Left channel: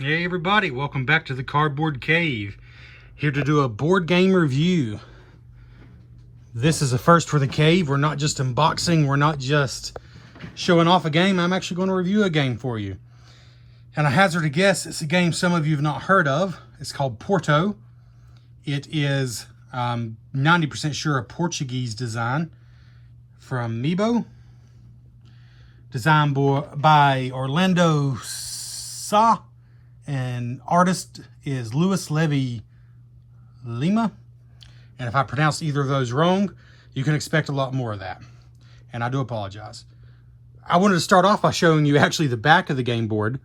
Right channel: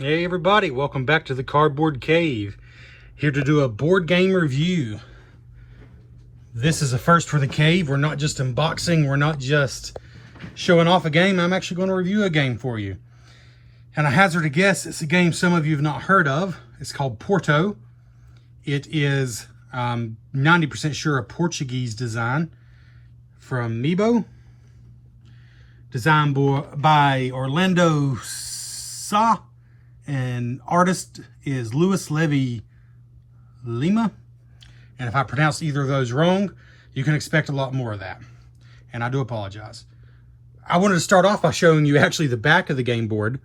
Hey everybody, welcome back to the Cardboard Cave. Here to do a board game review. This is a first for the cave. We're not just unboxing, we're not just showing off a game. I'm actually going to review a game for you. And I hazard a guess, it's a game some of you have not heard of. It's called Porto. It is 90% sure a Portuguese design from Mebo. Designed by Orlando Sa. And artist is Luis Levy Lima. And if I pronounced either of those wrong, you can expect a lot more of that. And I do apologize. I wanted to start off by showing you actually the back of the game board,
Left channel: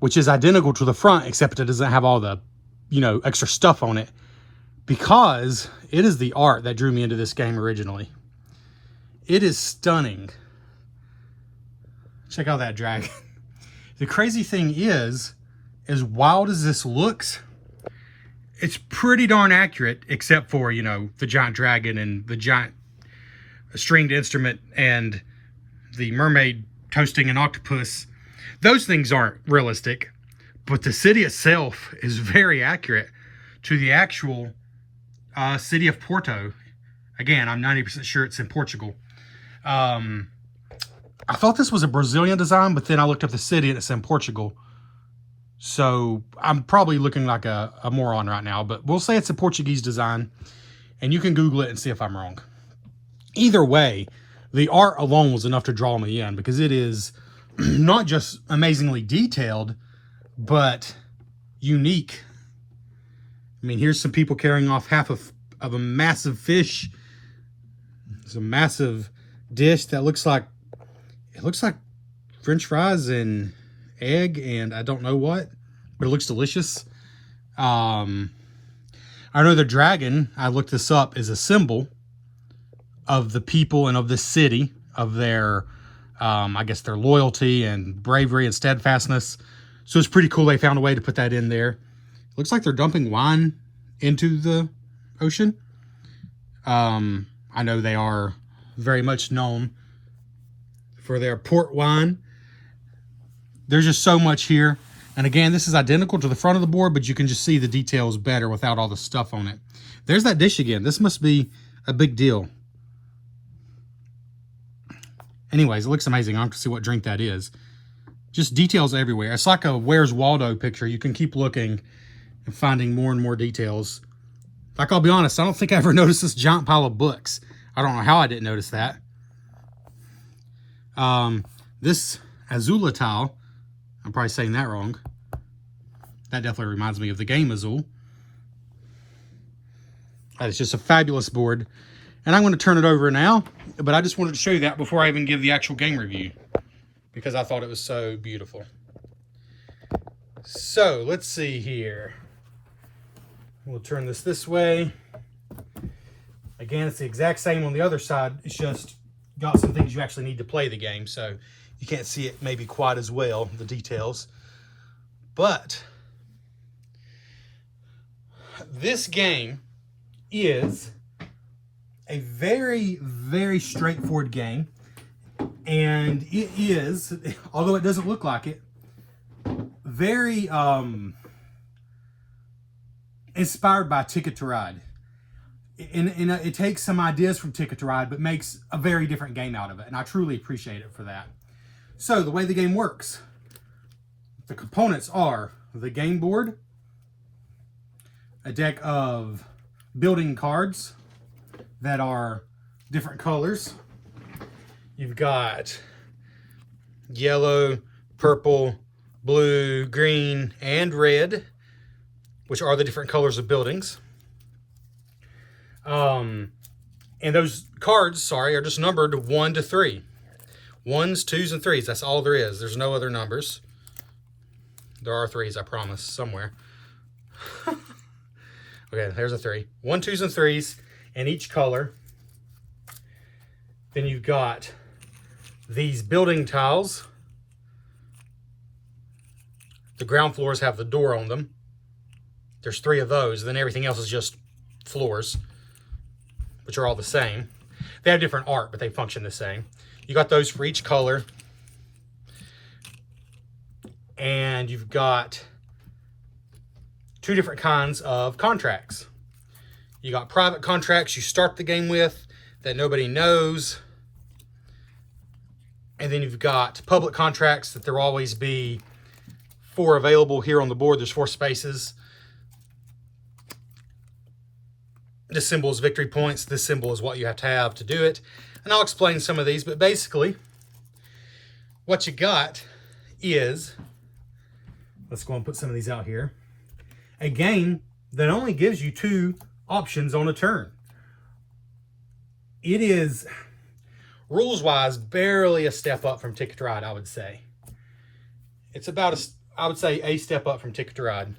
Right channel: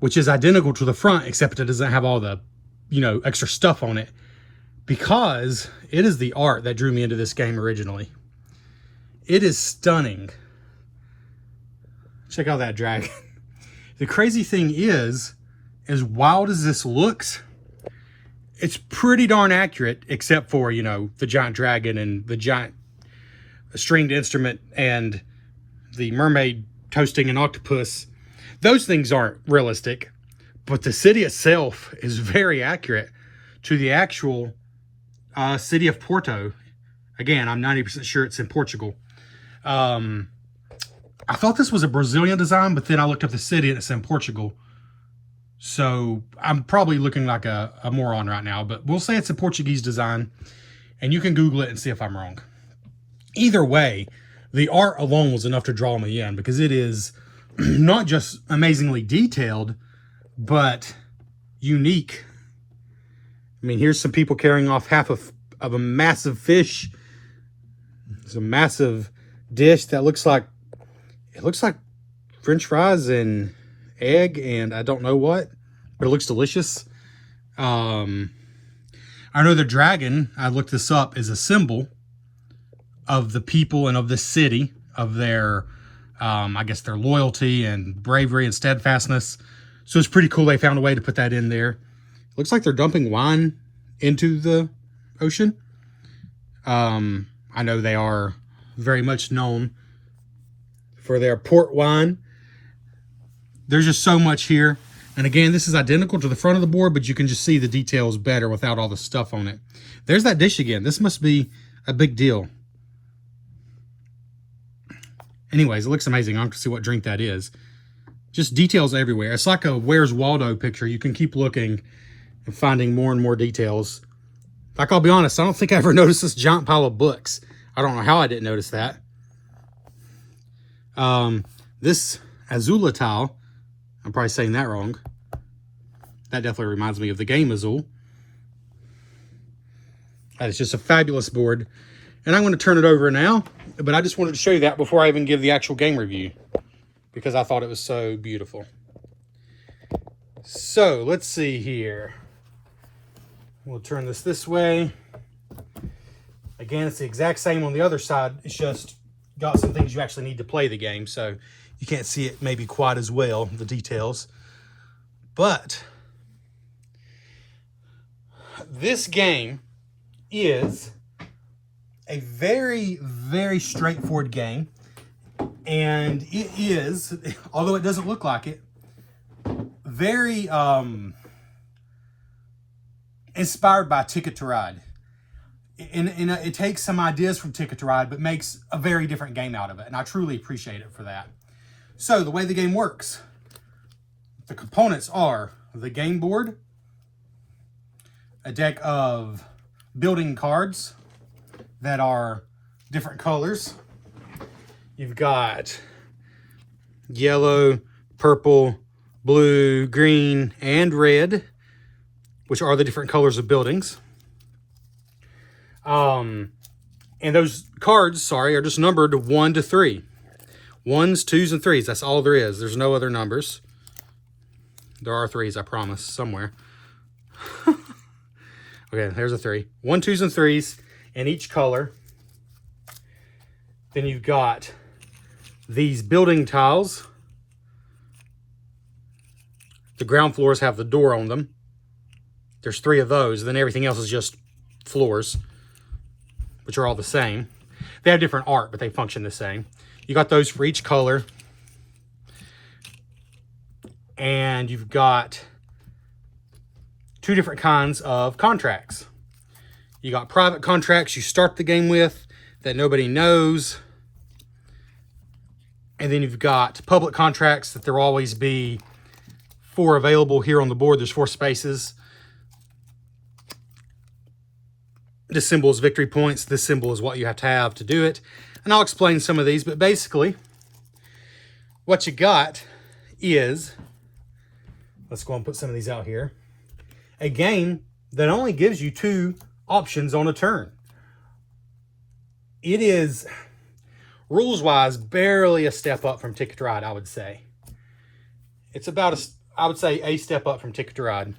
which is identical to the front, except it doesn't have all the, extra stuff on it, because it is the art that drew me into this game originally. It is stunning. Check out that dragon. The crazy thing is, as wild as this looks, it's pretty darn accurate, except for, the giant dragon and the giant stringed instrument and the mermaid toasting an octopus. Those things aren't realistic, but the city itself is very accurate to the actual city of Porto. Again, I'm 90% sure it's in Portugal. I thought this was a Brazilian design, but then I looked up the city and it's in Portugal. So I'm probably looking like a moron right now, but we'll say it's a Portuguese design, and you can Google it and see if I'm wrong. Either way, the art alone was enough to draw me in, because it is not just amazingly detailed, but unique. I mean, here's some people carrying off half of a massive fish. It's a massive dish that looks like French fries and egg and I don't know what, but it looks delicious. I know the dragon, I looked this up, is a symbol of the people and of the city, of their I guess their loyalty and bravery and steadfastness. So it's pretty cool they found a way to put that in there. Looks like they're dumping wine into the ocean. I know they are very much known for their port wine. There's just so much here. And again, this is identical to the front of the board, but you can just see the details better without all the stuff on it. There's that dish again. This must be a big deal. Anyways, it looks amazing. I don't see what drink that is. Just details everywhere. It's like a Where's Waldo picture. You can keep looking and finding more and more details. Like, I'll be honest, I don't think I ever noticed this giant pile of books. I don't know how I didn't notice that. This Azula tile, I'm probably saying that wrong. That definitely reminds me of the game Azul. It's just a fabulous board. And I'm going to turn it over now, but I just wanted to show you that before I even give the actual game review, because I thought it was so beautiful. So, let's see here. We'll turn this way. Again, it's the exact same on the other side. It's just got some things you actually need to play the game, so you can't see it maybe quite as well, the details. But this game is a very, very straightforward game. And it is, although it doesn't look like it, very inspired by Ticket to Ride. It takes some ideas from Ticket to Ride, but makes a very different game out of it. And I truly appreciate it for that. So, the way the game works, the components are the game board, a deck of building cards that are different colors. You've got yellow, purple, blue, green, and red, which are the different colors of buildings. And those cards, are just numbered 1 to 3. 1s, 2s, and 3s. That's all there is. There's no other numbers. There are 3s, I promise, somewhere. Okay, there's a 3. 1, 2s, and 3s in each color. Then you've got these building tiles. The ground floors have the door on them. There's 3 of those. Then everything else is just floors, which are all the same. They have different art, but they function the same. You got those for each color. And you've got two different kinds of contracts. You got private contracts you start the game with that nobody knows. And then you've got public contracts that there'll always be 4 available here on the board. There's 4 spaces. This symbol is victory points. This symbol is what you have to do it. And I'll explain some of these, but basically what you got is, let's go and put some of these out here, a game that only gives you 2 options on a turn. It is, rules-wise, barely a step up from Ticket to Ride, I would say. It's about, I would say, a step up from Ticket to Ride.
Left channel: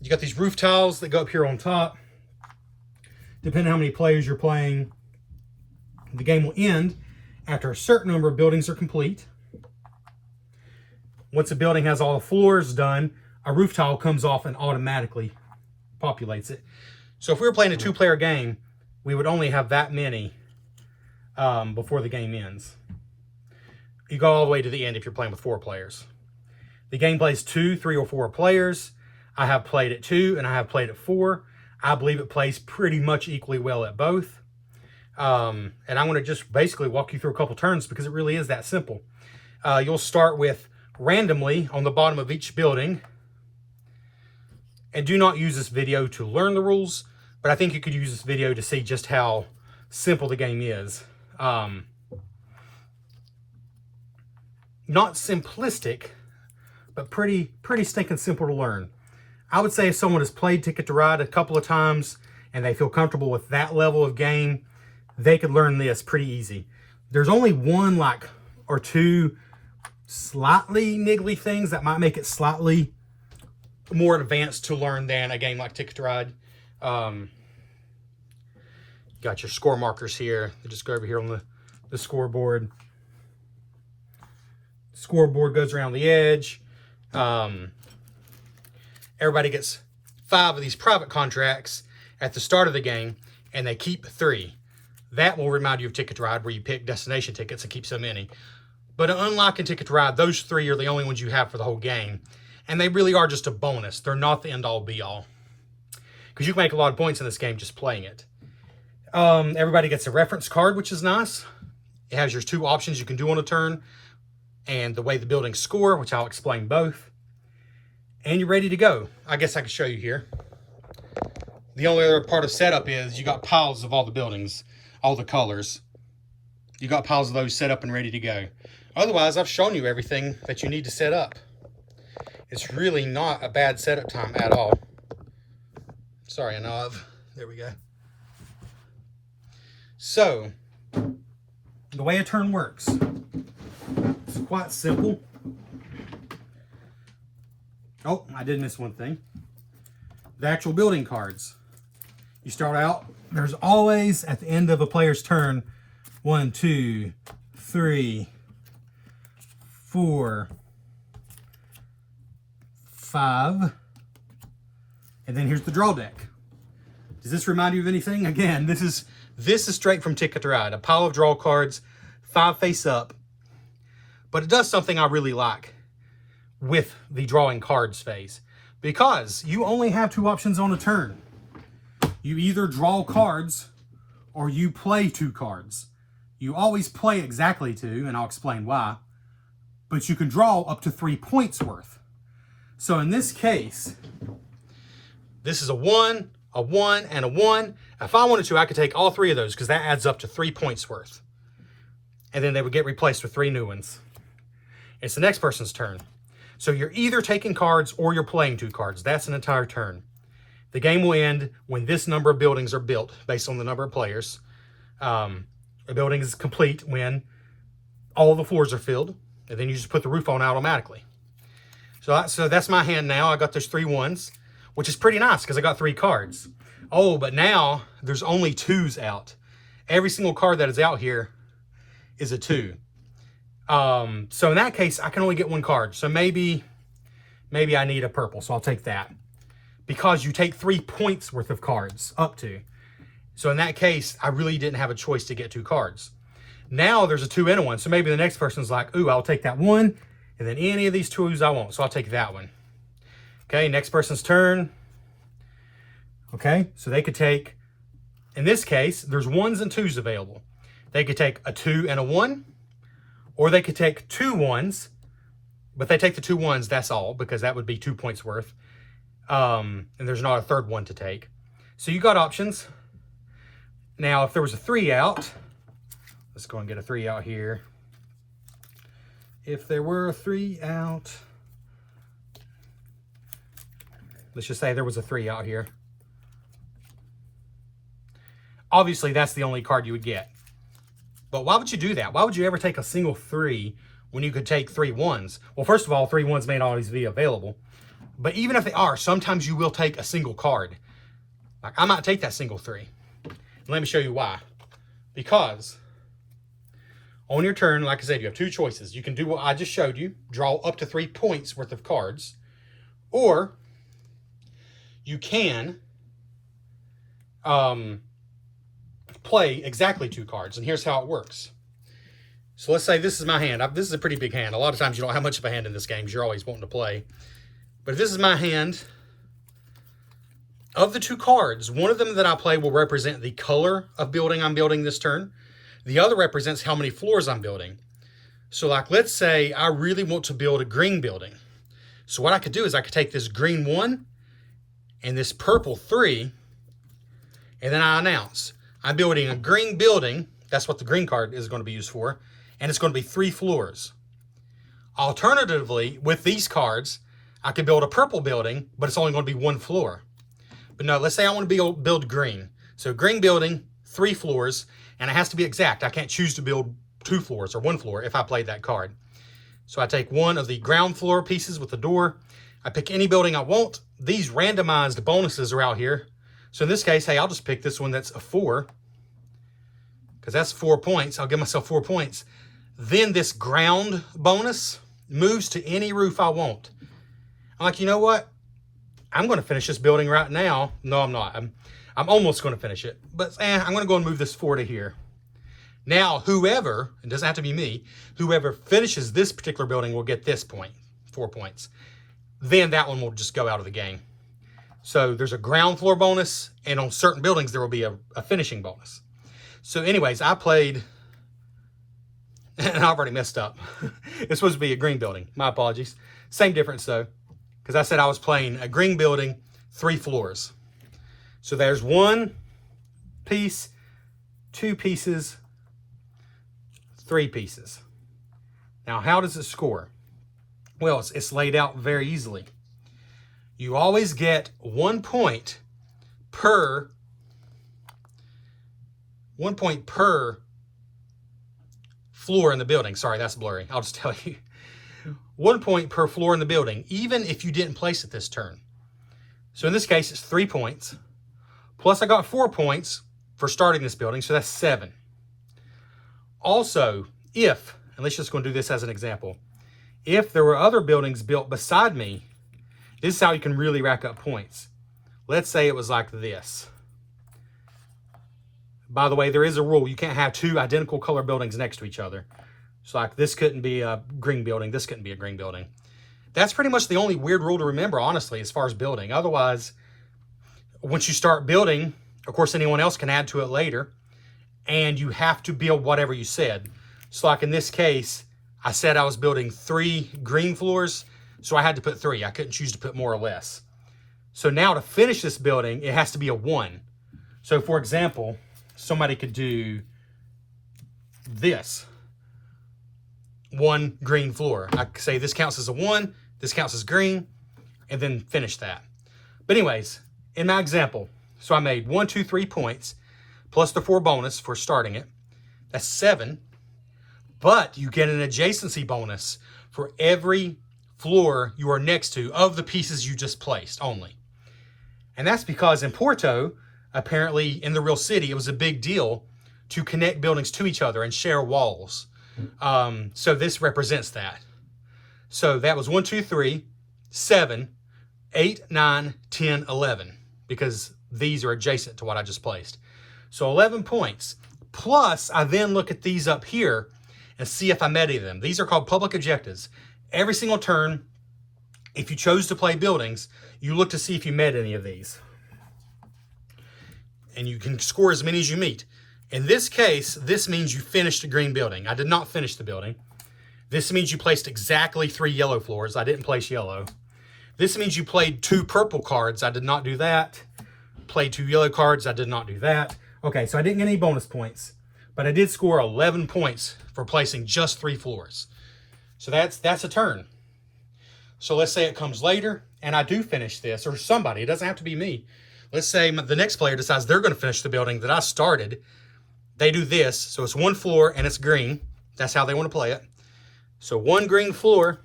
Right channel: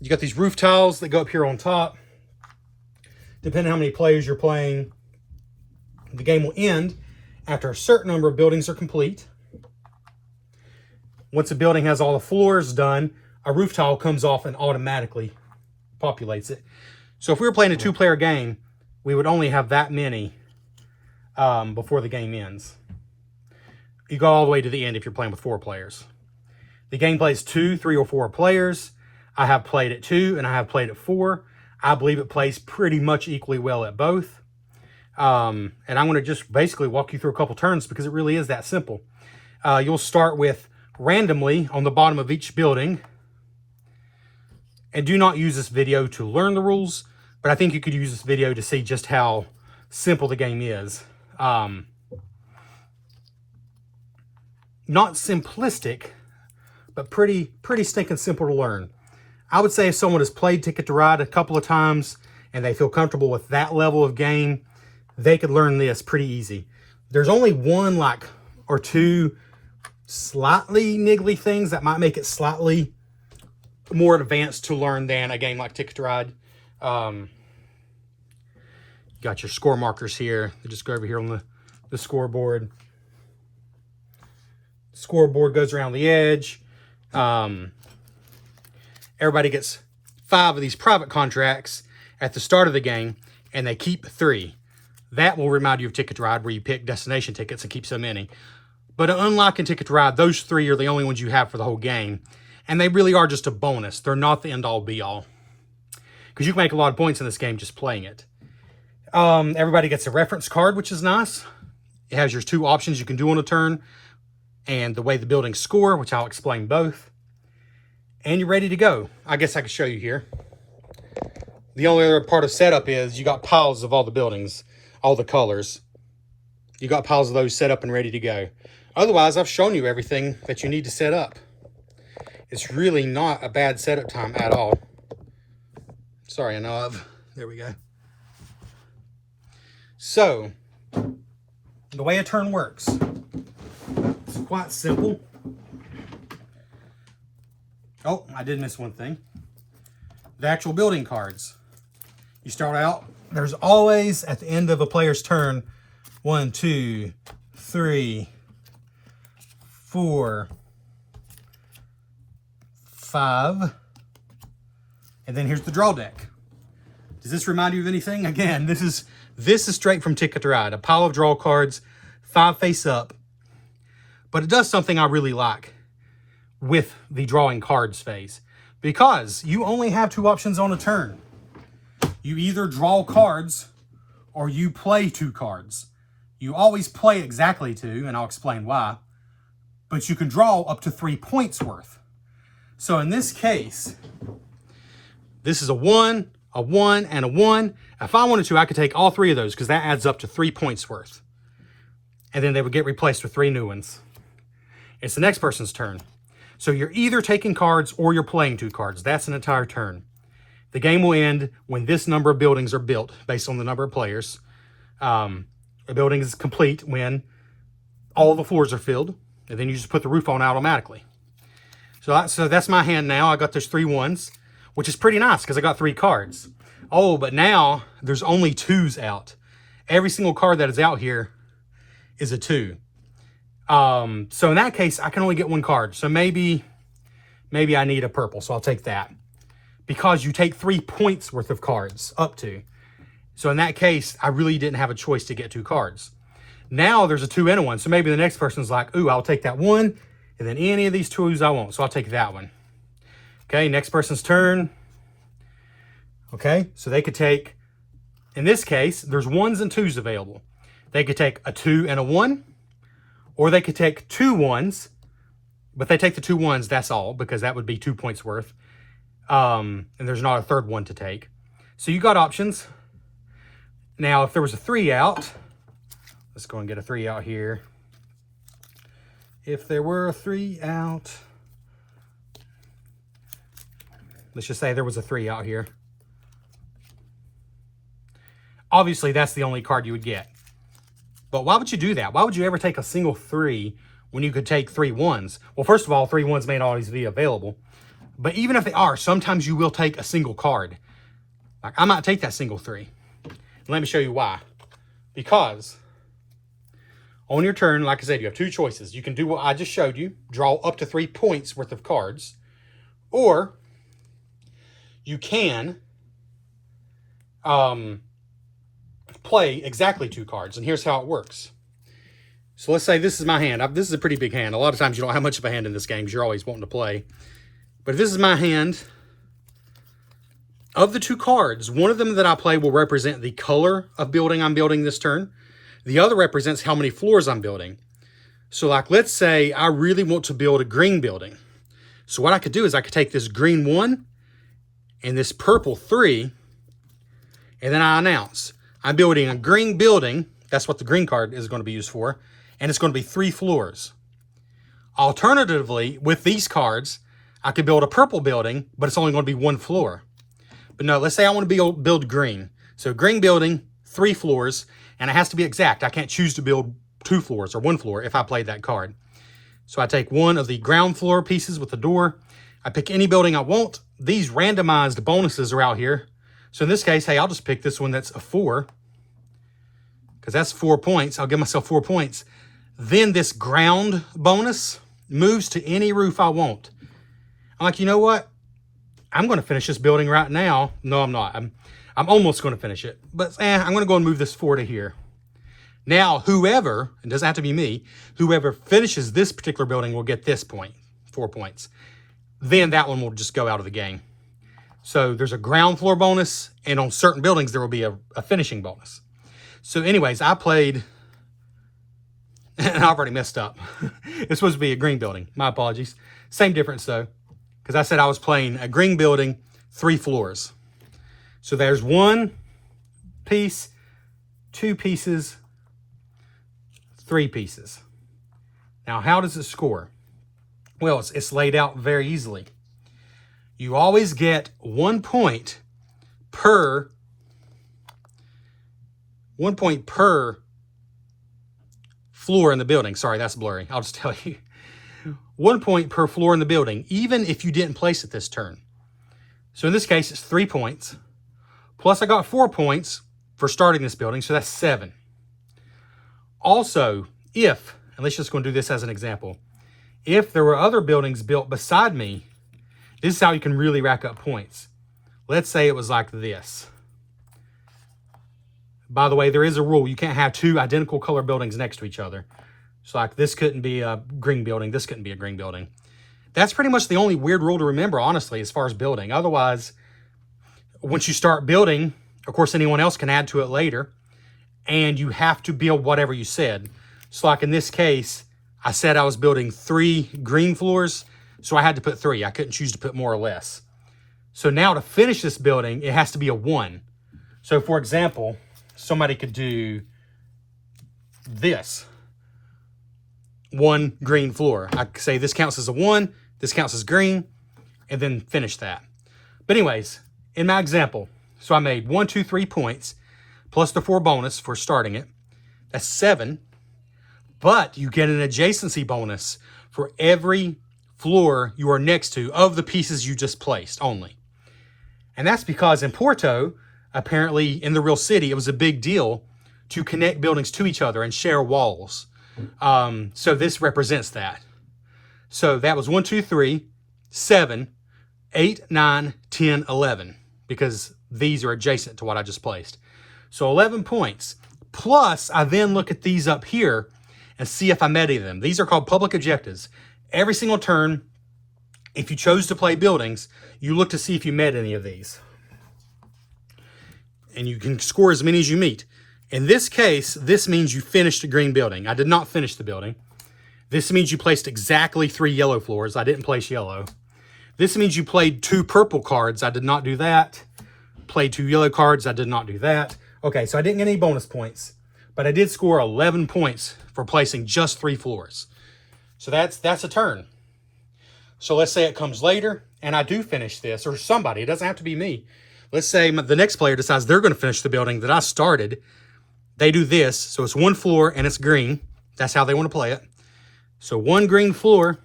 You got these roof tiles that go up here on top. Depending on how many players you're playing, the game will end after a certain number of buildings are complete. Once a building has all the floors done, a roof tile comes off and automatically populates it. So if we were playing a 2-player game, we would only have that many before the game ends. You go all the way to the end if you're playing with 4 players. The game plays 2, 3, or 4 players. I have played at 2 and I have played at 4. I believe it plays pretty much equally well at both. And I'm going to just basically walk you through a couple turns because it really is that simple. You'll start with randomly on the bottom of each building. And do not use this video to learn the rules, but I think you could use this video to see just how simple the game is. Not simplistic, but pretty stinking simple to learn. I would say if someone has played Ticket to Ride a couple of times and they feel comfortable with that level of game, they could learn this pretty easy. There's only 1 or 2 slightly niggly things that might make it slightly more advanced to learn than a game like Ticket to Ride. Got your score markers here. You just go over here on the scoreboard. Scoreboard goes around the edge. Everybody gets 5 of these private contracts at the start of the game, and they keep 3. That will remind you of Ticket to Ride, where you pick destination tickets and keep so many. But unlike in Ticket to Ride, those 3 are the only ones you have for the whole game. And they really are just a bonus. They're not the end-all, be-all. Because you can make a lot of points in this game just playing it. Everybody gets a reference card, which is nice. It has your 2 options you can do on a turn, and the way the buildings score, which I'll explain both. And you're ready to go. I guess I can show you here. The only other part of setup is you got piles of all the buildings, all the colors. You got piles of those set up and ready to go. Otherwise, I've shown you everything that you need to set up. It's really not a bad setup time at all. Sorry, there we go. So, the way a turn works, it's quite simple. Oh, I did miss one thing. The actual building cards. You start out, there's always, at the end of a player's turn, 1, 2, 3, 4, 5. And then here's the draw deck. Does this remind you of anything? Again, this is straight from Ticket to Ride. A pile of draw cards, 5 face up. But it does something I really like with the drawing cards phase, because you only have 2 options on a turn. You either draw cards or you play 2 cards. You always play exactly 2, and I'll explain why, but you can draw up to 3 points worth. So in this case, this is a 1, and a 1. If I wanted to, I could take all 3 of those because that adds up to 3 points worth. And then they would get replaced with 3 new ones. It's the next person's turn. So you're either taking cards or you're playing 2 cards. That's an entire turn. The game will end when this number of buildings are built based on the number of players. A building is complete when all the floors are filled, and then you just put the roof on automatically. So that's my hand now. I got those 3 1s, which is pretty nice because I got 3 cards. Oh, but now there's only 2s out. Every single card that is out here is a 2. So in that case, I can only get 1 card. So maybe I need a purple, so I'll take that. Because you take 3 points worth of cards, up to. So in that case, I really didn't have a choice to get 2 cards. Now there's a 2 and a 1. So maybe the next person's like, ooh, I'll take that 1, and then any of these 2s I want. So I'll take that one. Okay, next person's turn. Okay, so they could take, in this case, there's 1s and 2s available. They could take a 2 and a 1, or they could take 2 1s, but they take the 2 1s, that's all, because that would be 2 points worth. And there's not a third one to take. So you got options. Now, if there was a 3 out, let's go and get a 3 out here. If there were a 3 out, let's just say there was a 3 out here. Obviously, that's the only card you would get. But why would you do that? Why would you ever take a single 3 when you could take 3 1s? Well, first of all, 3 1s may not always be available. But even if they are, sometimes you will take a single card. Like, I might take that single 3. Let me show you why. Because on your turn, like I said, you have 2 choices. You can do what I just showed you, draw up to 3 points worth of cards. Or you can play exactly 2 cards. And here's how it works. So let's say this is my hand. This is a pretty big hand. A lot of times you don't have much of a hand in this game because you're always wanting to play. But if this is my hand, of the 2 cards, one of them that I play will represent the color of building I'm building this turn. The other represents how many floors I'm building. So like, let's say I really want to build a green building. So what I could do is I could take this green 1 and this purple 3, and then I announce I'm building a green building. That's what the green card is going to be used for. And it's going to be 3 floors. Alternatively, with these cards, I could build a purple building, but it's only going to be 1 floor. But no, let's say I want to build green. So green building, 3 floors, and it has to be exact. I can't choose to build 2 floors or 1 floor if I played that card. So I take one of the ground floor pieces with the door. I pick any building I want. These randomized bonuses are out here. So in this case, hey, I'll just pick this one that's a 4, because that's 4 points. I'll give myself 4 points. Then this ground bonus moves to any roof I want. I'm like, you know what? I'm going to finish this building right now. No, I'm not. I'm almost going to finish it. But I'm going to go and move this 4 to here. Now, whoever, it doesn't have to be me, whoever finishes this particular building will get this point, 4 points. Then that one will just go out of the game. So there's a ground floor bonus, and on certain buildings there will be a finishing bonus. So anyways, I played, and I've already messed up. It's supposed to be a green building. My apologies. Same difference though, because I said I was playing a green building, 3 floors. So there's 1 piece, 2 pieces, 3 pieces. Now, how does it score? Well, it's laid out very easily. You always get 1 point per floor in the building. Sorry, that's blurry. I'll just tell you. 1 point per floor in the building, even if you didn't place it this turn. So in this case, it's 3 points. Plus I got 4 points for starting this building, so that's 7. Also, if, and let's just go and do this as an example. If there were other buildings built beside me, this is how you can really rack up points. Let's say it was like this. By the way, there is a rule. You can't have 2 identical color buildings next to each other. So like this couldn't be a green building. This couldn't be a green building. That's pretty much the only weird rule to remember, honestly, as far as building. Otherwise, once you start building, of course, anyone else can add to it later. And you have to build whatever you said. So like in this case, I said I was building 3 green floors. So I had to put 3. I couldn't choose to put more or less. So now to finish this building, it has to be a 1. So for example, somebody could do this. 1 green floor. I could say this counts as a 1, this counts as green, and then finish that. But anyways, in my example, so I made 1, 2, 3 points, plus the 4 bonus for starting it. That's 7. But you get an adjacency bonus for every floor you are next to of the pieces you just placed only. And that's because in Porto, apparently in the real city, it was a big deal to connect buildings to each other and share walls. So this represents that. So that was 1, 2, 3, 7, 8, 9, 10, 11, because these are adjacent to what I just placed. So 11 points. Plus, I then look at these up here and see if I met any of them. These are called public objectives. Every single turn, If you chose to play buildings, you look to see if you met any of these. And you can score as many as you meet. In this case, this means you finished a green building. I did not finish the building. This means you placed exactly 3 yellow floors. I didn't place yellow. This means you played 2 purple cards. I did not do that. Played 2 yellow cards. I did not do that. Okay, so I didn't get any bonus points, but I did score 11 points for placing just 3 floors. So that's a turn. So let's say it comes later and I do finish this, or somebody, it doesn't have to be me. Let's say the next player decides they're going to finish the building that I started. They do this, so it's 1 floor and it's green. That's how they want to play it. So 1 green floor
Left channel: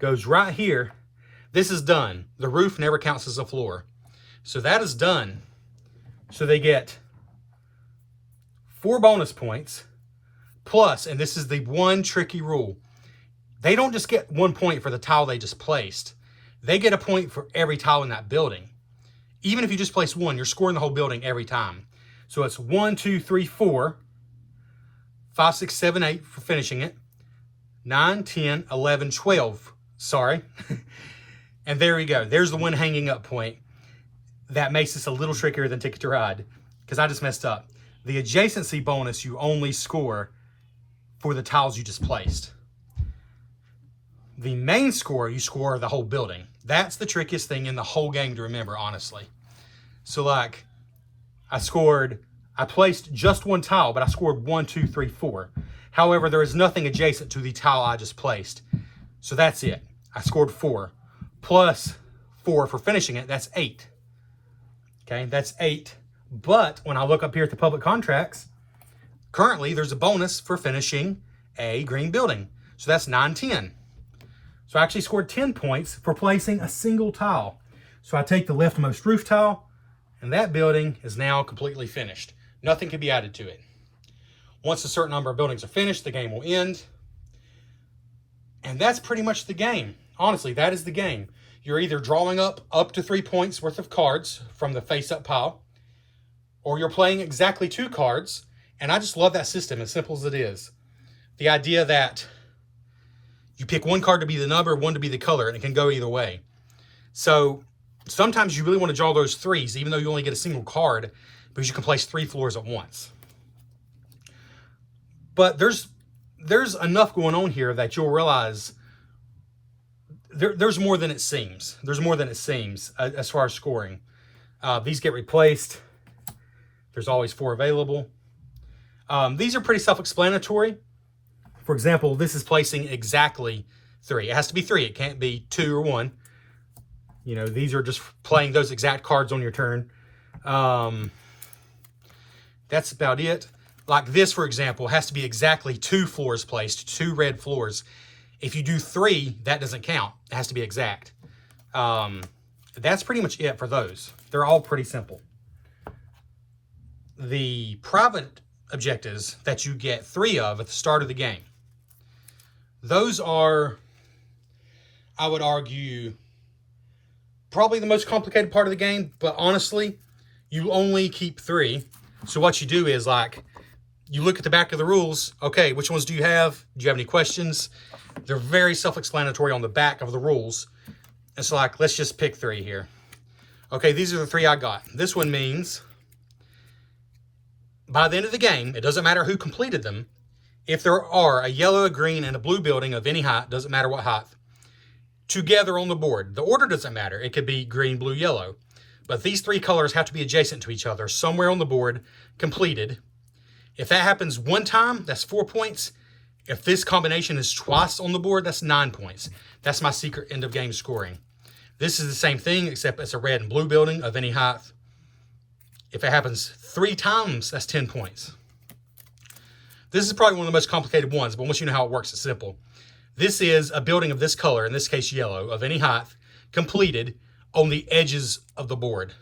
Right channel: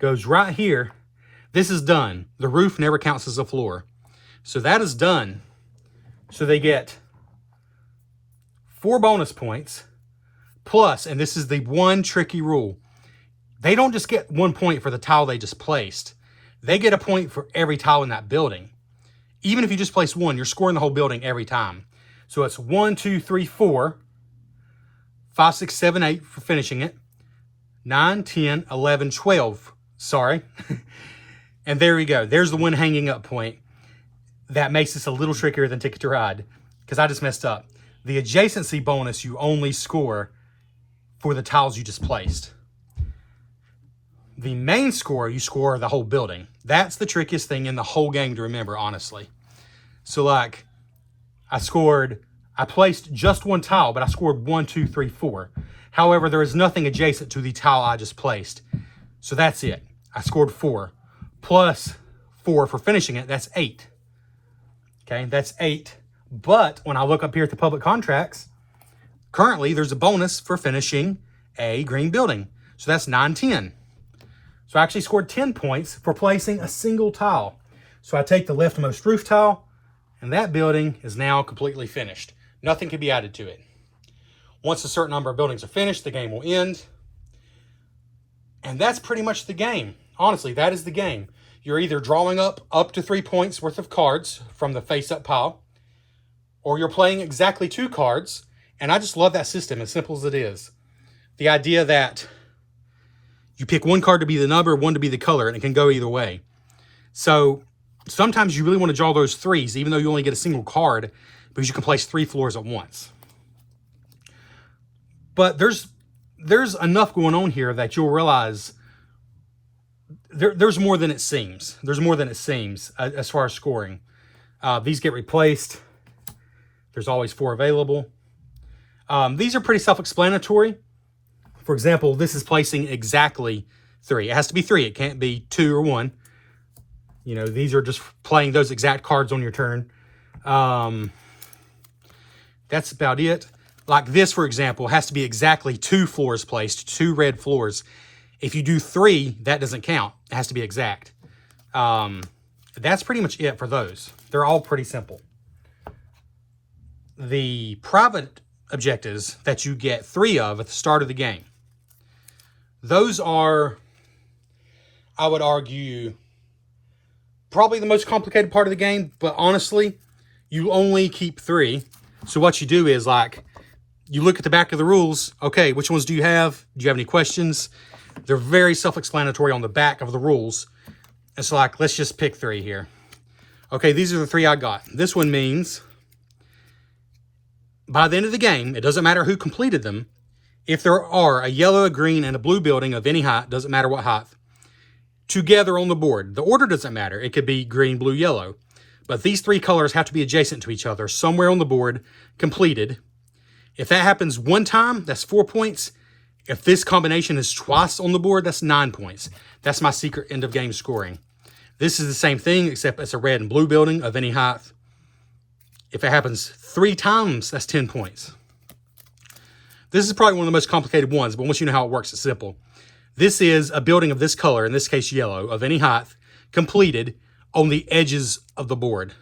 goes right here. This is done. The roof never counts as a floor. So that is done. So they get 4 bonus points plus, and this is the one tricky rule, they don't just get 1 point for the tile they just placed. They get a point for every tile in that building. Even if you just place 1, you're scoring the whole building every time. So it's 1, 2, 3, 4, 5, 6, 7, 8 for finishing it, 9, 10, 11, 12. Sorry. And there we go. There's the one hanging up point. That makes this a little trickier than Ticket to Ride because I just messed up. The adjacency bonus you only score for the tiles you just placed. The main score, you score the whole building. That's the trickiest thing in the whole game to remember, honestly. So like, I placed just 1 tile, but I scored 1, 2, 3, 4. However, there is nothing adjacent to the tile I just placed. So that's it. I scored 4. Plus 4 for finishing it, that's 8. Okay, that's 8. But when I look up here at the public contracts, currently there's a bonus for finishing a green building. So that's 9, 10. So I actually scored 10 points for placing a single tile. So I take the leftmost roof tile, and that building is now completely finished. Nothing can be added to it. Once a certain number of buildings are finished, the game will end. And that's pretty much the game. Honestly, that is the game. You're either drawing up to 3 points worth of cards from the face-up pile, or you're playing exactly 2 cards. And I just love that system, as simple as it is. The idea that you pick 1 card to be the number, 1 to be the color, and it can go either way. So sometimes you really want to draw those 3s, even though you only get a single card, because you can place 3 floors at once. But there's enough going on here that you'll realize there's more than it seems. There's more than it seems as far as scoring. These get replaced. There's always 4 available. These are pretty self-explanatory. For example, this is placing exactly 3. It has to be 3. It can't be 2 or 1. You know, these are just playing those exact cards on your turn. That's about it. Like this, for example, has to be exactly 2 floors placed, 2 red floors. If you do 3, that doesn't count. It has to be exact. That's pretty much it for those. They're all pretty simple. The private objectives that you get 3 of at the start of the game, those are, I would argue, probably the most complicated part of the game, but honestly, you only keep 3. So what you do is, like, you look at the back of the rules. Okay, which ones do you have? Do you have any questions? They're very self-explanatory on the back of the rules. It's like, let's just pick 3 here. Okay, these are the 3 I got. This one means by the end of the game, it doesn't matter who completed them. If there are a yellow, a green, and a blue building of any height, doesn't matter what height, together on the board. The order doesn't matter. It could be green, blue, yellow. But these 3 colors have to be adjacent to each other, somewhere on the board, completed. If that happens 1 time, that's 4 points. If this combination is twice on the board, that's 9 points. That's my secret end of game scoring. This is the same thing, except it's a red and blue building of any height. If it happens 3 times, that's 10 points. This is probably one of the most complicated ones, but once you know how it works, it's simple. This is a building of this color, in this case yellow, of any height, completed on the edges of the board.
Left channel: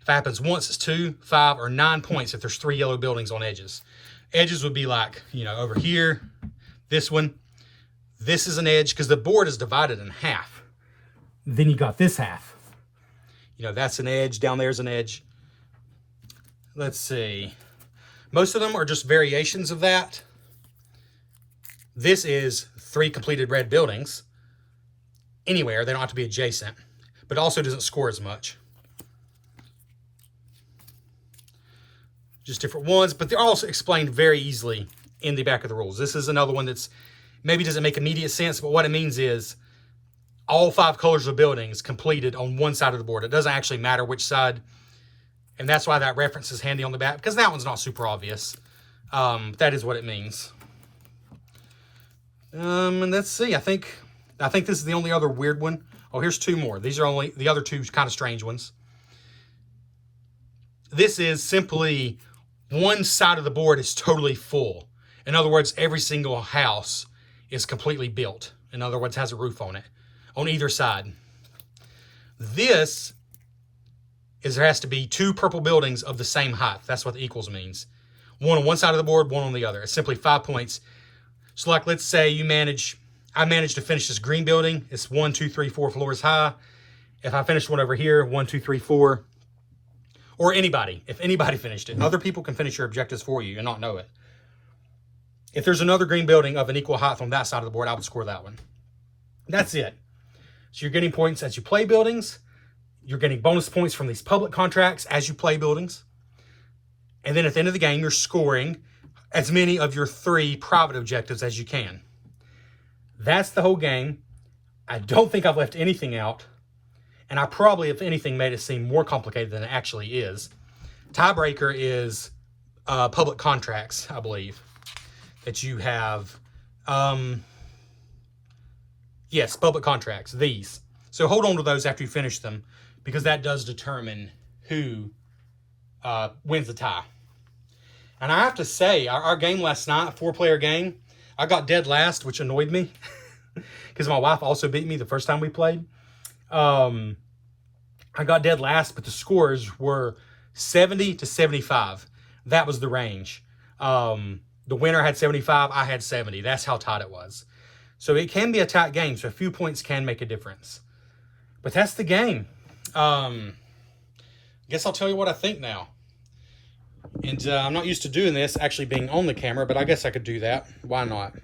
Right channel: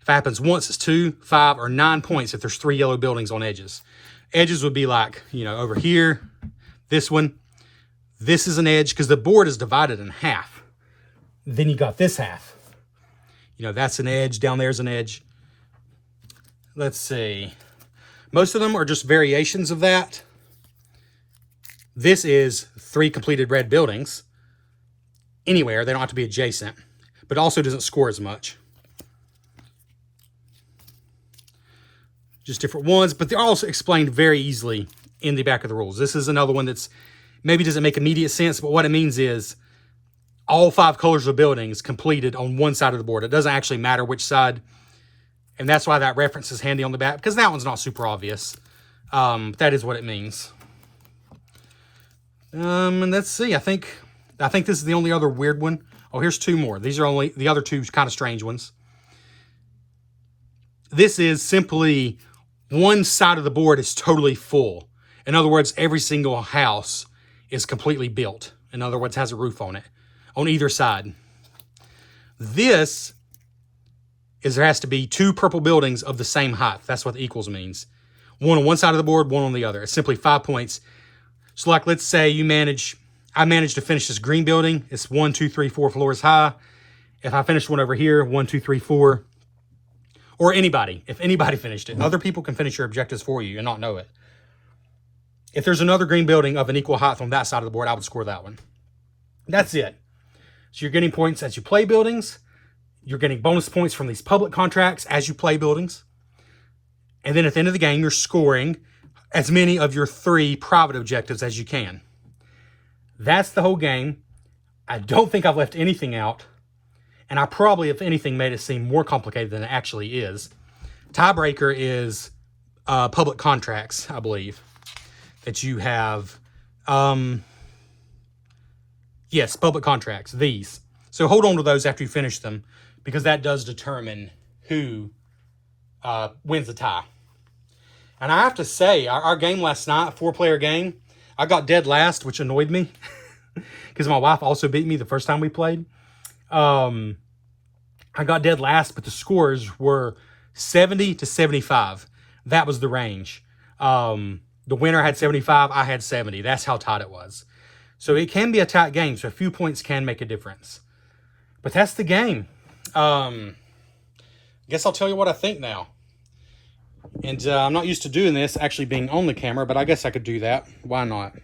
If it happens once, it's 2, 5, or 9 points if there's 3 yellow buildings on edges. Edges would be like, you know, over here, this one. This is an edge because the board is divided in half. Then you got this half. You know, that's an edge, down there's an edge. Let's see. Most of them are just variations of that. This is 3 completed red buildings. anywhere. They don't have to be adjacent, but it also doesn't score as much. Just different ones, but they're also explained very easily in the back of the rules. This is another one that's maybe doesn't make immediate sense, but what it means is all 5 colors of buildings completed on one side of the board. It doesn't actually matter which side, and that's why that reference is handy on the back, because that one's not super obvious. That is what it means. And let's see, I think this is the only other weird one. Oh, here's 2 more. These are only the other 2 kind of strange ones. This is simply one side of the board is totally full. In other words, every single house is completely built. In other words, has a roof on it, on either side. This is there has to be 2 purple buildings of the same height. That's what the equals means. One on one side of the board, one on the other. It's simply 5 points. So like, let's say I managed to finish this green building. It's 1, 2, 3, 4 floors high. If I finish one over here, 1, 2, 3, 4, or anybody, if anybody finished it, other people can finish your objectives for you and not know it. If there's another green building of an equal height on that side of the board, I would score that one. That's it. So you're getting points as you play buildings. You're getting bonus points from these public contracts as you play buildings. And then at the end of the game, you're scoring as many of your 3 private objectives as you can. That's the whole game. I don't think I've left anything out. And I probably, if anything, made it seem more complicated than it actually is. Tiebreaker is public contracts, I believe, that you have. Yes, public contracts, these. So hold on to those after you finish them, because that does determine who wins the tie. And I have to say, our game last night, 4-player game, I got dead last, which annoyed me, because my wife also beat me the first time we played. I got dead last, but the scores were 70 to 75. That was the range. The winner had 75, I had 70. That's how tight it was. So it can be a tight game, so a few points can make a difference. But that's the game. Guess I'll tell you what I think now. And I'm not used to doing this, actually being on the camera, but I guess I could do that. Why not?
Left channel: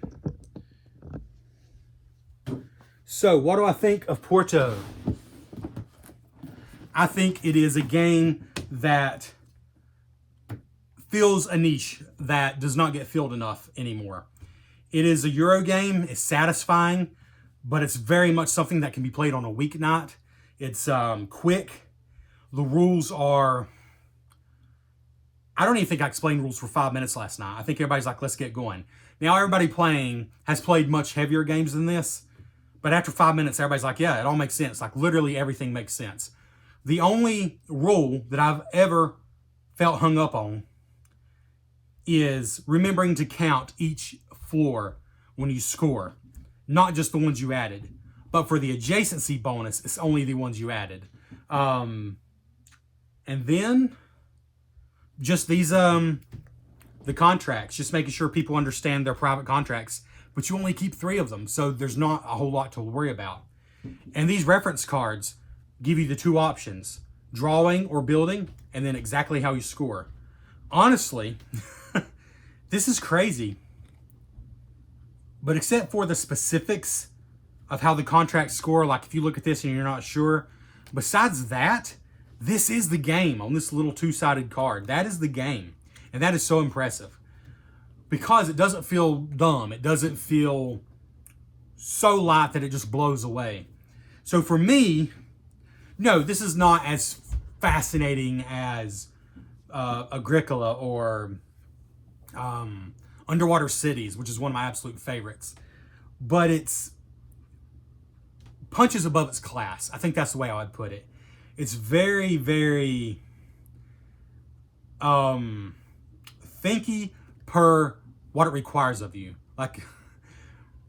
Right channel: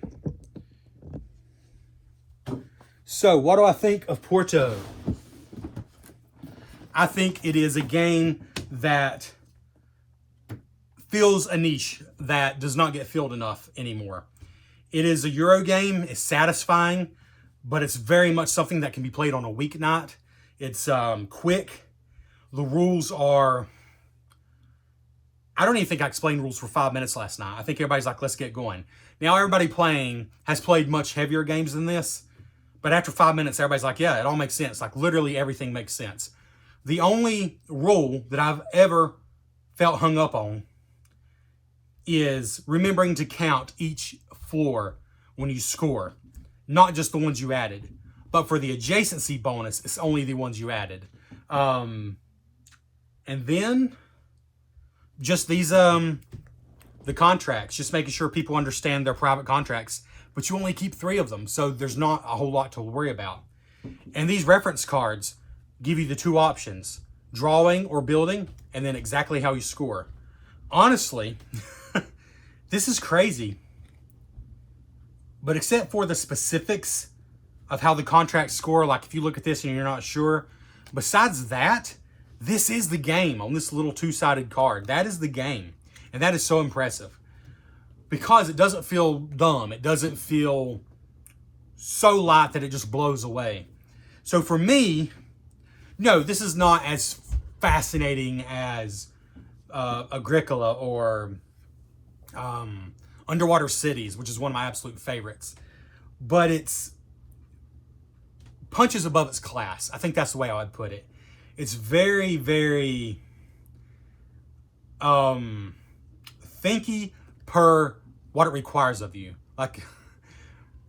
So, what do I think of Porto? I think it is a game that fills a niche that does not get filled enough anymore. It is a Euro game. It's satisfying, but it's very much something that can be played on a weeknight. It's quick. The rules are... I don't even think I explained rules for 5 minutes last night. I think everybody's like, let's get going. Now, everybody playing has played much heavier games than this, but after 5 minutes, everybody's like, yeah, it all makes sense. Like, literally everything makes sense. The only rule that I've ever felt hung up on is remembering to count each floor when you score, not just the ones you added. But for the adjacency bonus, it's only the ones you added. And then just these, the contracts, just making sure people understand their private contracts, but you only keep 3 of them. So there's not a whole lot to worry about. And these reference cards give you the 2 options, drawing or building, and then exactly how you score. Honestly, this is crazy. But except for the specifics of how the contracts score, like if you look at this and you're not sure, besides that, this is the game on this little 2-sided card. That is the game. And that is so impressive. Because it doesn't feel dumb. It doesn't feel so light that it just blows away. So for me, no, this is not as fascinating as Agricola or Underwater Cities, which is one of my absolute favorites. But it's punches above its class. I think that's the way I would put it. It's very, very thinky per what it requires of you. Like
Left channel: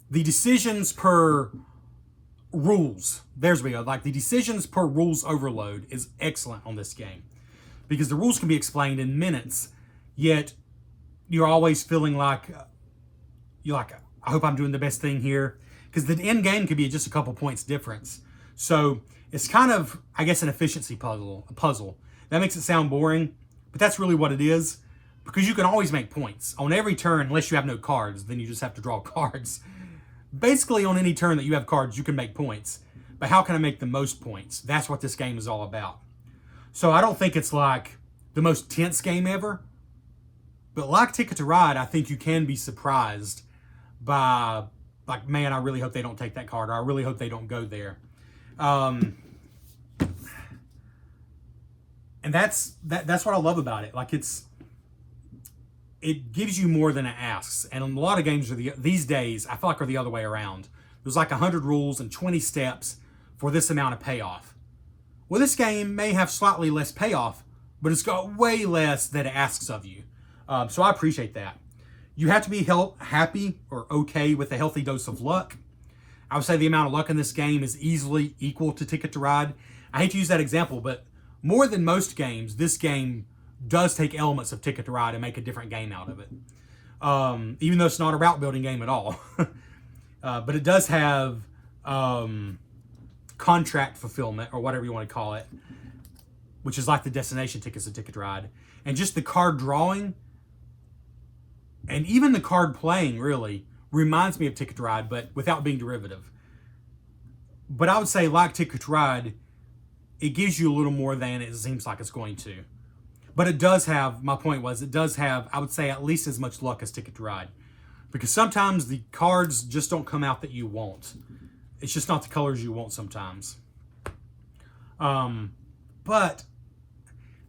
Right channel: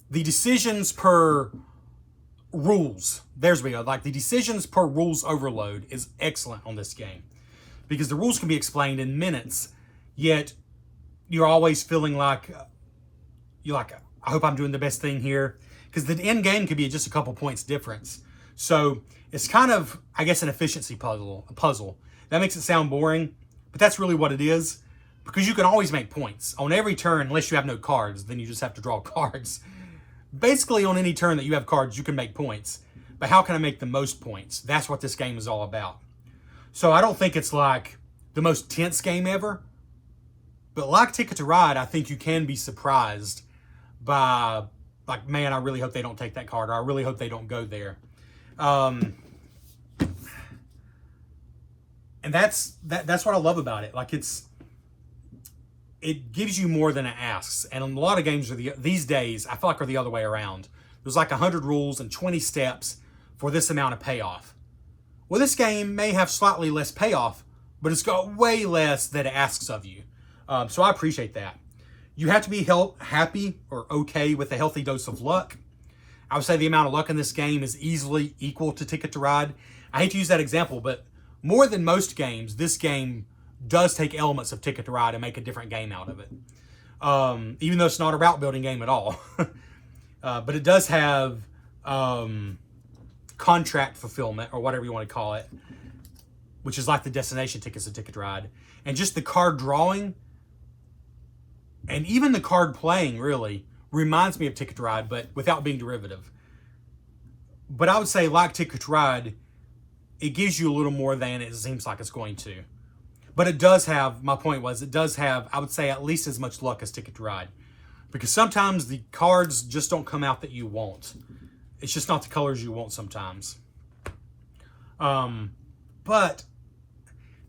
the decisions per rules. There's we go. Like the decisions per rules overload is excellent on this game because the rules can be explained in minutes, yet you're always feeling like you're like, I hope I'm doing the best thing here, because the end game could be just a couple points difference. So it's kind of, I guess, an efficiency puzzle. That makes it sound boring, but that's really what it is, because you can always make points on every turn unless you have no cards. Then you just have to draw cards. Basically, on any turn that you have cards, you can make points. but how can I make the most points? That's what this game is all about. So I don't think it's like the most tense game ever, but like Ticket to Ride, I think you can be surprised by, like, man, I really hope they don't take that card, or I really hope they don't go there. And that's what I love about it. Like, it gives you more than it asks. And a lot of games these days, I feel like, are the other way around. There's like 100 rules and 20 steps for this amount of payoff. Well, this game may have slightly less payoff, but it's got way less that it asks of you. So I appreciate that. You have to be happy or okay with a healthy dose of luck. I would say the amount of luck in this game is easily equal to Ticket to Ride. I hate to use that example, but more than most games, this game does take elements of Ticket to Ride and make a different game out of it. Even though it's not a route building game at all. But it does have contract fulfillment, or whatever you want to call it, which is like the destination tickets of Ticket to Ride. And just the card drawing, and even the card playing, really reminds me of Ticket to Ride, but without being derivative. But I would say, like Ticket to Ride, it gives you a little more than it seems like it's going to. But it does have, my point was, it does have, I would say, at least as much luck as Ticket to Ride. Because sometimes the cards just don't come out that you want. It's just not the colors you want sometimes. But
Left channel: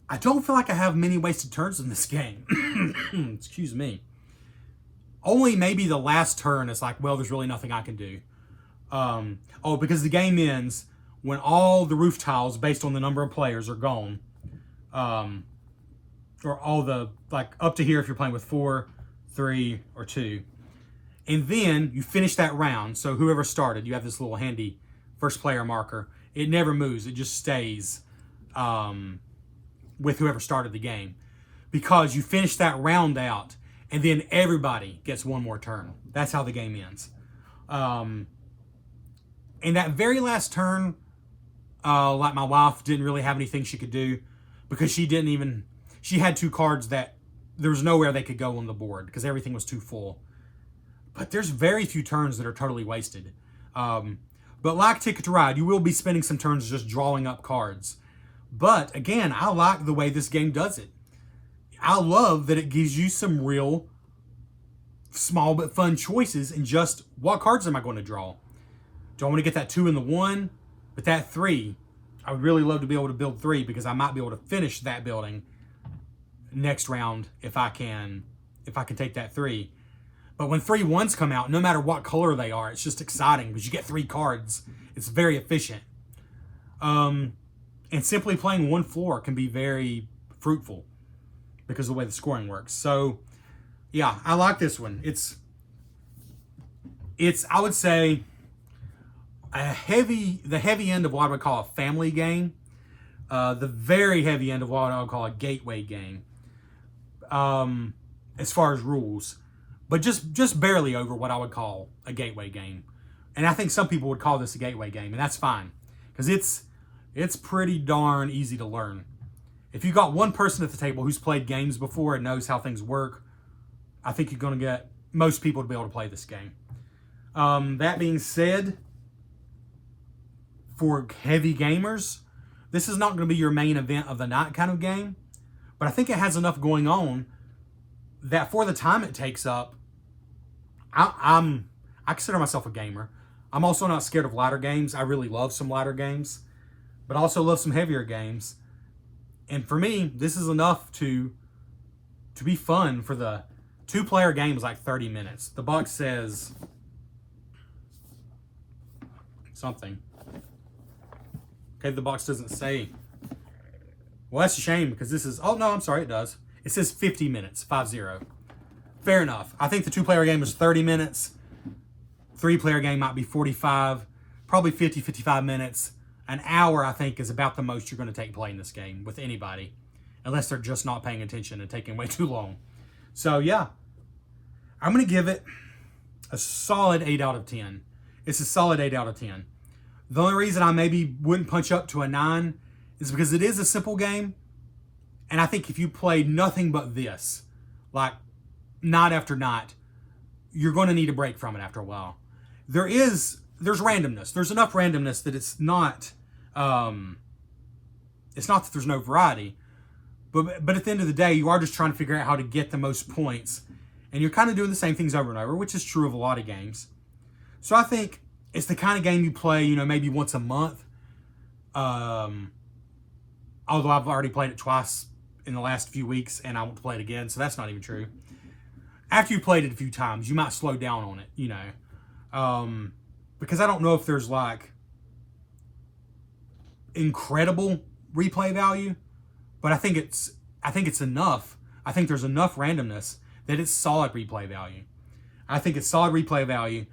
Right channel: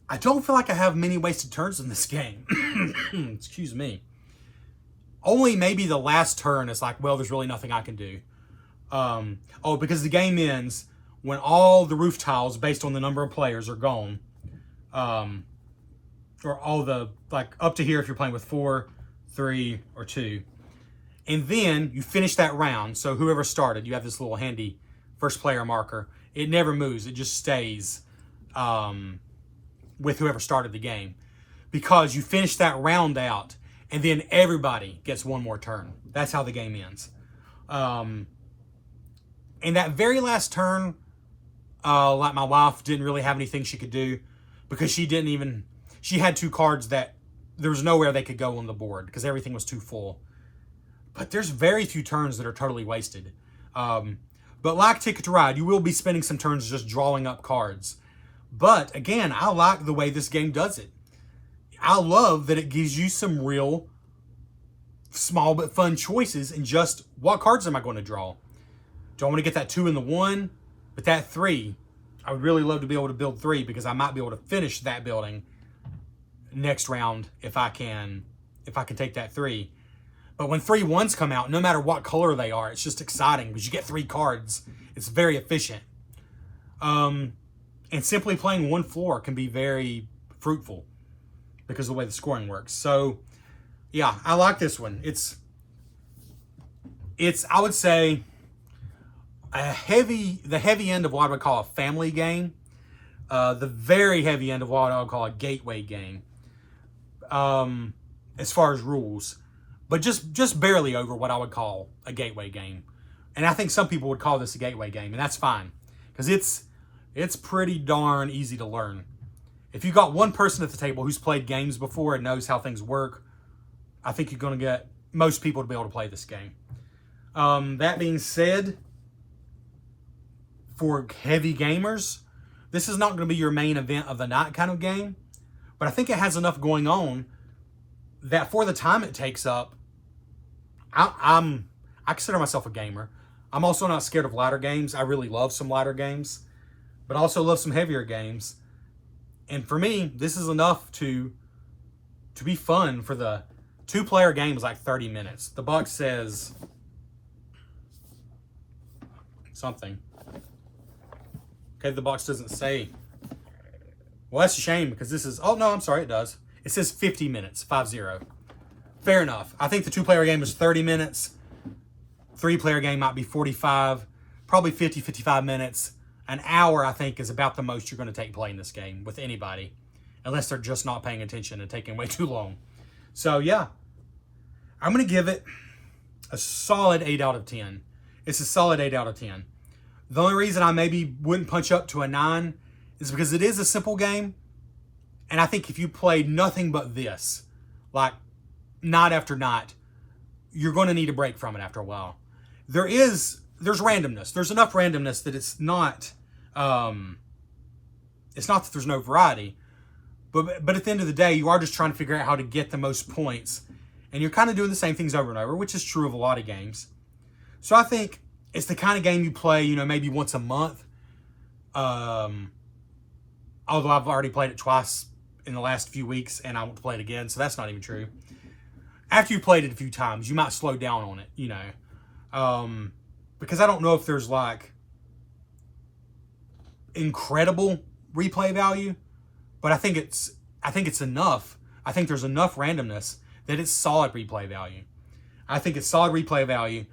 I don't feel like I have many wasted turns in this game. Excuse me. Only maybe the last turn is like, well, there's really nothing I can do. Because the game ends when all the roof tiles based on the number of players are gone. Or all the, like, up to here if you're playing with 4, 3, or 2. And then you finish that round. So whoever started, you have this little handy first player marker. It never moves. It just stays with whoever started the game. Because you finish that round out, and then everybody gets one more turn. That's how the game ends. And that very last turn, like, my wife didn't really have anything she could do, because she had 2 cards that there was nowhere they could go on the board because everything was too full. But there's very few turns that are totally wasted. But like Ticket to Ride, you will be spending some turns just drawing up cards. But again, I like the way this game does it. I love that it gives you some real small but fun choices in just what cards am I going to draw. Do I want to get that 2 and the 1? But that 3, I would really love to be able to build 3 because I might be able to finish that building next round if I can take that 3. But when 3 1s come out, no matter what color they are, it's just exciting because you get 3 cards. It's very efficient. And simply playing one floor can be very fruitful because of the way the scoring works. So, yeah, I like this one. It's I would say, the heavy end of what I would call a family game. The very heavy end of what I would call a gateway game. As far as rules. But just barely over what I would call a gateway game. And I think some people would call this a gateway game, and that's fine. Because it's pretty darn easy to learn. If you got one person at the table who's played games before and knows how things work, I think you're going to get most people to be able to play this game. That being said, for heavy gamers, this is not going to be your main event of the night kind of game. But I think it has enough going on that for the time it takes up, I consider myself a gamer. I'm also not scared of lighter games. I really love some lighter games, but I also love some heavier games. And for me, this is enough to be fun. For the 2-player game is like 30 minutes. The box says something. Okay, the box doesn't say. Well, that's a shame because this is, oh no, I'm sorry, it does. It says 50 minutes, 50. Fair enough. I think the 2-player game is 30 minutes. 3-player game might be 45, probably 50, 55 minutes. An hour, I think, is about the most you're going to take playing this game with anybody. Unless they're just not paying attention and taking way too long. So, yeah. I'm going to give it a solid 8 out of 10. It's a solid 8 out of 10. The only reason I maybe wouldn't punch up to a 9 is because it is a simple game. And I think if you played nothing but this, like night after night, you're going to need a break from it after a while. There is there's randomness. There's enough randomness that it's not that there's no variety. But at the end of the day, you are just trying to figure out how to get the most points. And you're kind of doing the same things over and over, which is true of a lot of games. So I think it's the kind of game you play, you know, maybe once a month. Although I've already played it twice in the last few weeks, and I want to play it again, so that's not even true. After you played it a few times, you might slow down on it, you know. Because I don't know if there's, like, incredible replay value, but I think it's enough. I think there's enough randomness that it's solid replay value. I think it's solid replay value.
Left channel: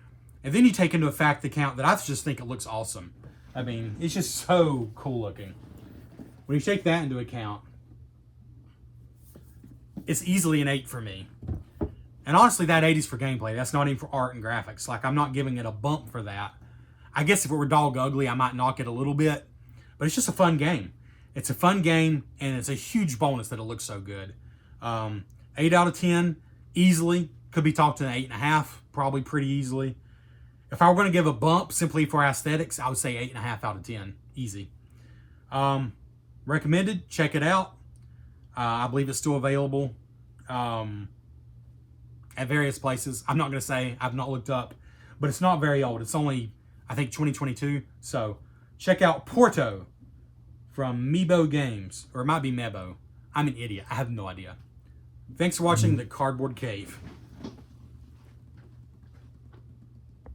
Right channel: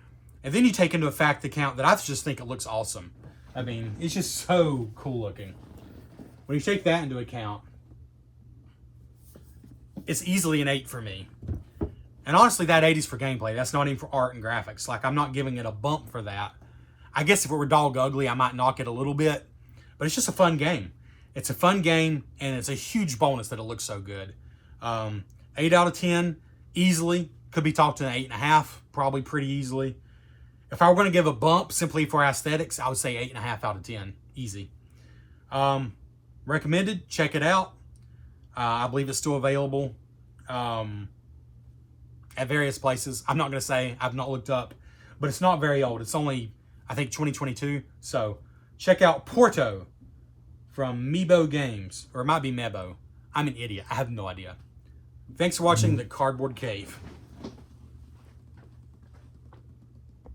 And then you take into account that I just think it looks awesome. I mean, it's just so cool looking. When you take that into account, it's easily an 8 for me. And honestly, that 8 is for gameplay. That's not even for art and graphics. Like, I'm not giving it a bump for that. I guess if it were dog ugly, I might knock it a little bit. But it's just a fun game. It's a fun game, and it's a huge bonus that it looks so good. 8 out of 10, easily. Could be talked to an 8.5, probably pretty easily. If I were going to give a bump simply for aesthetics, I would say 8.5 out of 10. Easy. Recommended. Check it out. I believe it's still available at various places. I'm not going to say. I've not looked up. But it's not very old. It's only, I think, 2022. So check out Porto from Mebo Games. Or it might be Mebo. I'm an idiot. I have no idea. Thanks for watching The Cardboard Cave.